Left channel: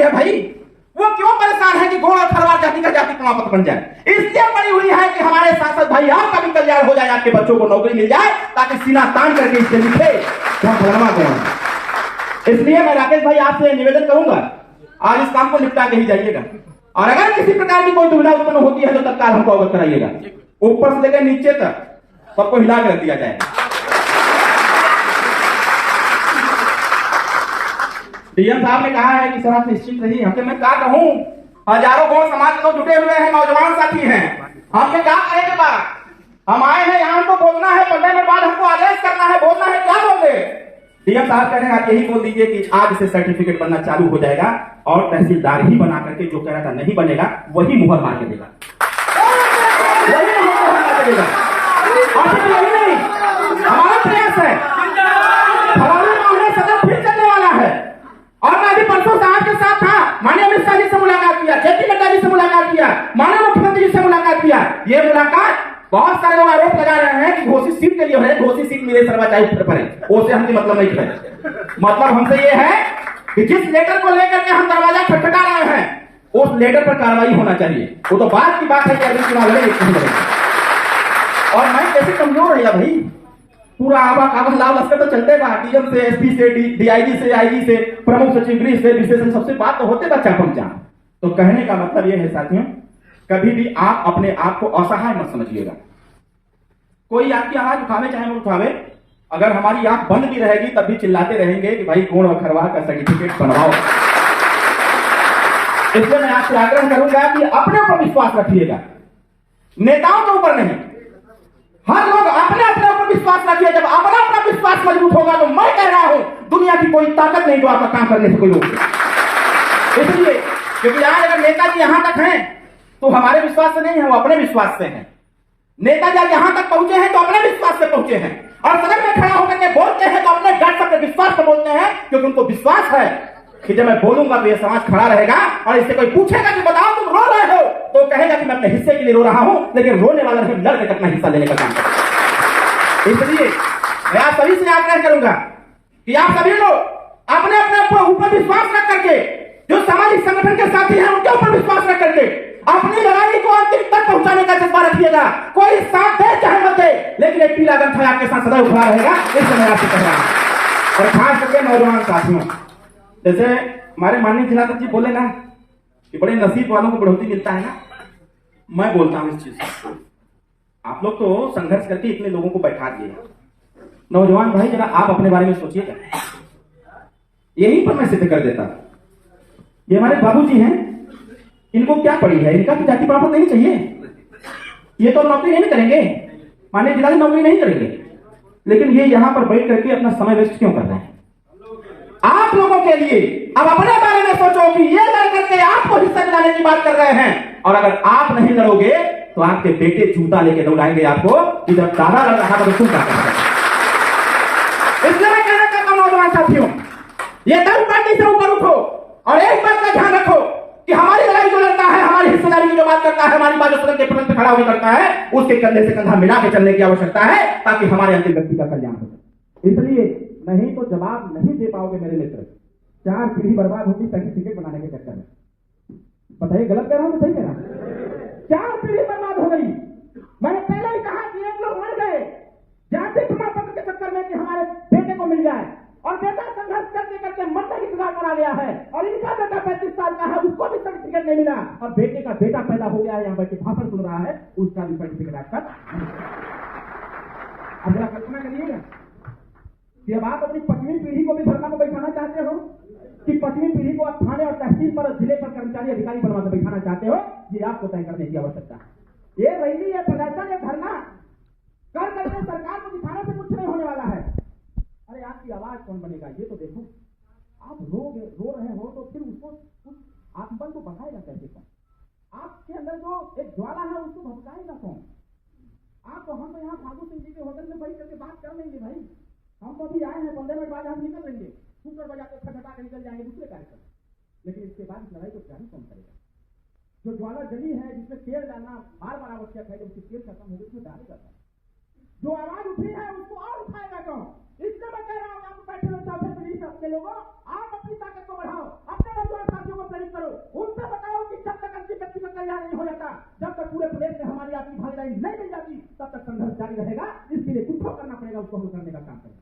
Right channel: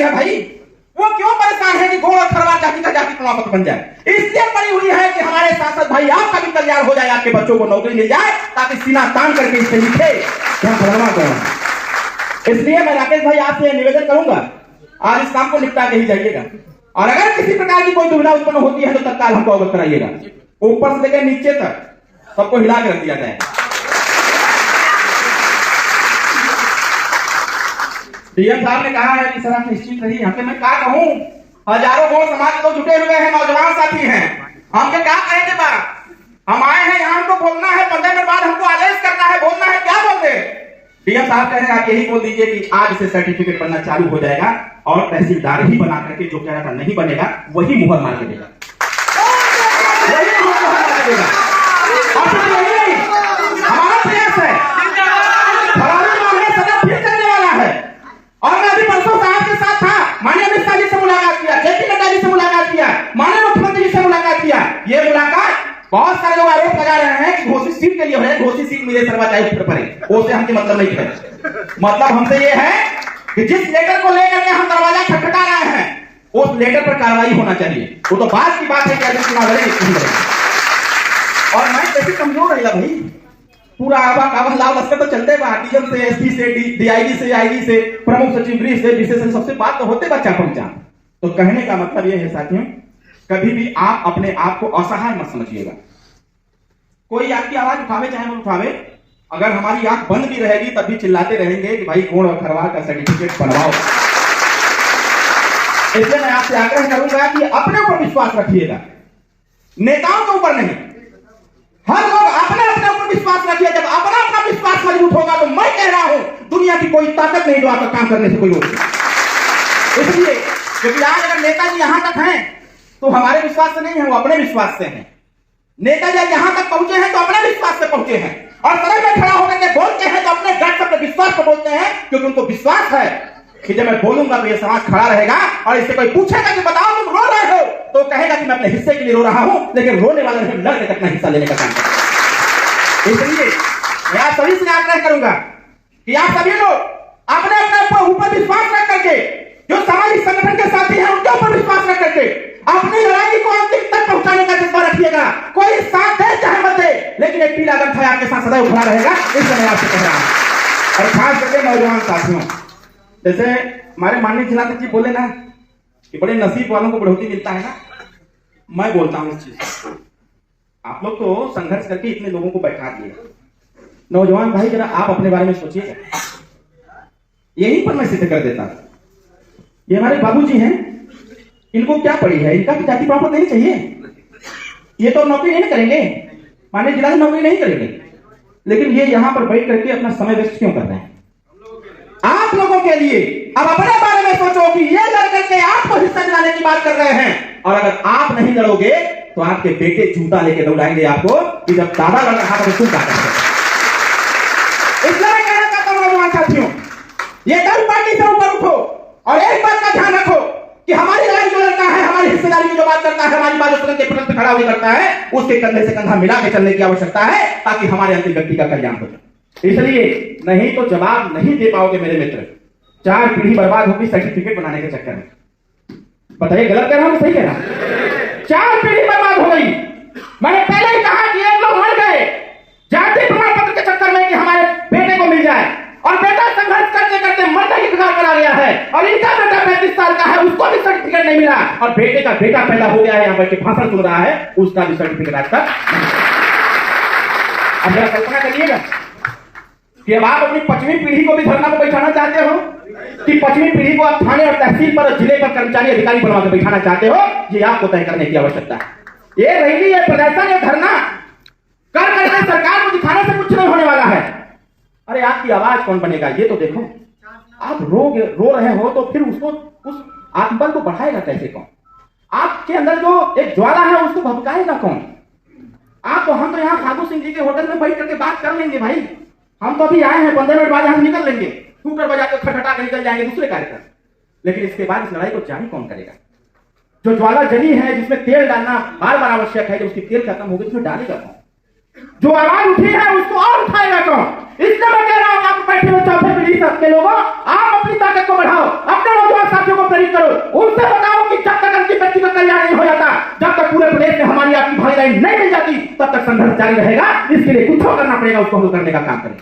है भाई, वो क्यों परेशान है कि घोड़ और खरवार जाति का जाति प्रमाण पत्र बन जाए? इसलिए पड़ी हुई है कि हमारे सांसद भाई आपका भी कल्याण हो जाए, आपके बच्चों को नौकरी मिल जाए, ताकि सीना तान करके इस पे लिखे क्या बनवा कौन। इसलिए मैं राकेश भाई आपसे निवेदन करूंगा, आज इस काम को निपटा के ही जाइएगा, और अगर किसी प्रकार की कोई दुविधा उत्पन्न होती है तो तत्काल हमको अवगत कराइएगा। ऊपर से लेकर नीचे तक सबको हिला कर रख दिया जाए। डीएम साहब ने कहा है कि सर आप निश्चित रहिए। हमके मैं क्या कहूं, हजारों गौ समाज के लोग जुटे हुए हैं, नौजवान साथी हैं, हमके क्या कहेंगे बात? हम आए हैं यहाँ, हमको बोलना है, 15 मिनट बाद हमको आदेश करना है, बोलना है, क्या बोल दे? डीएम साहब कह रहे हैं आप यही बोल दीजिए कि आज से सर्टिफिकेट बनना चालू हो जाएगा, और तहसीलदार ही बना करके जो कह रहा था नहीं बनेगा वही मुहर मार के देगा। हमारा प्रयास है, सदन फिर चलने वाला है, और मैं अभी परसों साहब के साथ था, माननीय अमित शाह जी से मुलाकात किया, जेपी नड्डा जी से मुलाकात किया, माननीय मुख्यमंत्री जी से मुलाकात किया। ये मुलाकात बहुत सारे लोग आरोप लगा रहे हैं कि घोषित सीट के लिए है, घोषित सीट मिले सर्वाचाही पड़े, उससे हमके मतलब नहीं है। मतलब हमसे ये है कि जिस लेटर को लेकर के हम दरवाजा खटखटा रहे हैं उस लेटर पर कार्रवाई होना चाहिए। वो तो बात की बात है कि अगर चुनाव लड़े नहीं लड़े। और मैं कैसे कमजोर है भाई, पूरा आवा लाल लश्कर तो चलते बा, डीएम से, एसपी से, डीआईजी से, आईजी से, प्रमुख सचिव गृह से, विशेष से, सबसे बात तो होते बच्चा पहुंचा। तो कहने का मतलब यह है साथियों, कभी भी आप अपने आप को असहाय मत समझिएगा। कोई आपकी आवाज उठावे चाहे वो उठावे, अगर हमारी आंख बंद भी रहेगी तब भी चिल्लाते रहेंगे कि भाई घोड़ और खरवार का सर्टिफिकेट बनवाओ। इसलिए मैं आपसे आग्रह करूंगा कि अपने ऊपर विश्वास रखिएगा, नेताओं के ऊपर नहीं। हर लोग अपने अपने ऊपर विश्वास रखिए। जब अपना अपना विश्वास मजबूत होगा तो मैं कह रहा हूं दुनिया की कोई ताकत नहीं जो आपका काम करने से कोई रोक सके। इसलिए क्योंकि आज अगर नेताजी यहां तक हैं तो हमारे विश्वास से नहीं है, वो अपने विश्वास से हैं। नेता जब यहां तक पहुंचे हैं तो अपने विश्वास से पहुंचे हैं, और सदन में खड़ा होकर के बोलते हैं तो अपने डर से, अपने विश्वास से बोलते हैं, क्योंकि उनको विश्वास है कि जब मैं बोलूंगा तो ये समाज खड़ा रहेगा। और इससे कोई पूछेगा कि बताओ तुम रो रहे हो, तो कहेगा कि मैं अपने हिस्से के लिए रो रहा हूं, लेकिन रोने वाले ने लड़ के अपना हिस्सा लेने का काम करेगा। इसलिए मैं आप सभी से आग्रह करूंगा कि आप सभी लोग अपने अपने ऊपर विश्वास रख करके, जो सामाजिक संगठन के साथी हैं उनके ऊपर विश्वास रख करके अपनी लड़ाई को अंतिम तक पहुंचाने का जज्बा रखिएगा। कोई साथ दे चाहे मत दे, लेकिन एक पीला गमछा आपके साथ सदैव खड़ा रहेगा। इससे मैं आपसे कह रहा हूं। और खास करके नौजवान साथियों, जैसे हमारे माननीय जिलाध्यक्ष जी बोले ना कि बड़े नसीब वालों को बढ़ोतरी मिलता है ना, मैं बोलता हूं इस चीज। आप लोग तो संघर्ष करके इतने लोगों को बैठा दिए। नौजवान भाई जरा आप अपने बारे में सोचिएगा। यहीं पर मैं सिद्ध कर देता, ये हमारे बाबूजी हैं, इनको क्या पड़ी है, इनका तो जाति प्रमाण पत्र नहीं चाहिए, ये तो नौकरी नहीं करेंगे, माने जिला की नौकरी नहीं करेंगे, लेकिन ये यहां पर बैठ करके अपना समय वेस्ट क्यों कर रहे हैं? आप लोगों के लिए अब अपने बारे में सोचो कि ये लड़ करके आपको हिस्सा दिलाने की बात कर रहे हैं, और अगर आप नहीं लड़ोगे तो आपके बेटे जूता लेके दौड़ाएंगे आपको कि जब दादा लड़ रहा था तो तुम क्या करोगे। इसलिए मैं कहना चाहता हूं नौजवान साथियों, ये दल पार्टी से ऊपर उठो और एक बात का ध्यान रखो कि हमारी लड़ाई जो लड़ता है, हमारी हिस्सेदारी की जो बात करता है, हमारी बात सदन के फ्रंट पे खड़ा होकर करता है, उसके कंधे से कंधा मिला के चलने की आवश्यकता है, ताकि हमारे अंतिम व्यक्ति का कल्याण हो जाए। इसलिए नहीं तो जवाब नहीं दे पाओगे मेरे मित्र, 4 पीढ़ी बर्बाद होगी सर्टिफिकेट बनाने के चक्कर में। बताइए गलत कह रहा हूं सही कह रहा हूं? 4 पीढ़ी बर्बाद हो गई। मैंने पहले ही कहा कि एक लोग मर गए जाति प्रमाण पत्र के चक्कर में कि हमारे बेटे को मिल जाए, और बेटा संघर्ष करते करते मरने की कगार पर आ गया है, और इनका बेटा 35 साल का है, उसको भी सर्टिफिकेट नहीं मिला, और बेटे का बेटा पैदा हो गया है, यहाँ बैठ के भाषण सुन रहा है, उसका भी सर्टिफिकेट आज तक। अब जरा कल्पना करिएगा कि अब आप अपनी 5वीं पीढ़ी को भी धरना पर बैठाना चाहते हो, कि 5वीं पीढ़ी को आप थाने और तहसील पर, जिले पर कर्मचारी अधिकारी बनवा कर बैठाना चाहते हो, ये आपको तय करने की आवश्यकता है। ये रैली, ये प्रदर्शन, ये धरना कर करके सरकार को दिखाने से कुछ नहीं होने वाला है। अरे आपकी आवाज कौन बनेगा ये तो देखो। आप रो रहे हो तो फिर उसको, उस आत्मबल को बढ़ाएगा कैसे कौन? आपके अंदर जो एक ज्वाला है उसको भभकाएगा कौन? आप तो, हम तो यहाँ खादू सिंह जी के होटल में बैठ करके बात कर लेंगे भाई, हम तो अभी आए हैं, 15 मिनट बाद हम निकल लेंगे, स्कूटर बजा के खटखटा के निकल जाएंगे दूसरे कार्यक्रम। लेकिन इसके बाद इस लड़ाई को जारी कौन करेगा? जो ज्वाला जली है, जिसमें तेल डालना बार बार आवश्यक है, जब उसकी तेल खत्म होगी उसमें डालेगा कौन? जो आवाज उठी है उसको और उठाएगा कौन? इसलिए मैं कह रहा हूं आप बैठे हुए चौथे पीढ़ी के लोगों, आप अपनी ताकत को बढ़ाओ, अपने नौजवान साथियों को प्रेरित करो, उनसे बताओ कि जब तक अंतिम व्यक्ति का कल्याण नहीं हो जाता, जब तक पूरे प्रदेश में हमारी आपकी भागीदारी नहीं मिल जाती, तब तक संघर्ष जारी रहेगा। इसके लिए कुछ करना पड़ेगा, उसको हल करने का काम करें।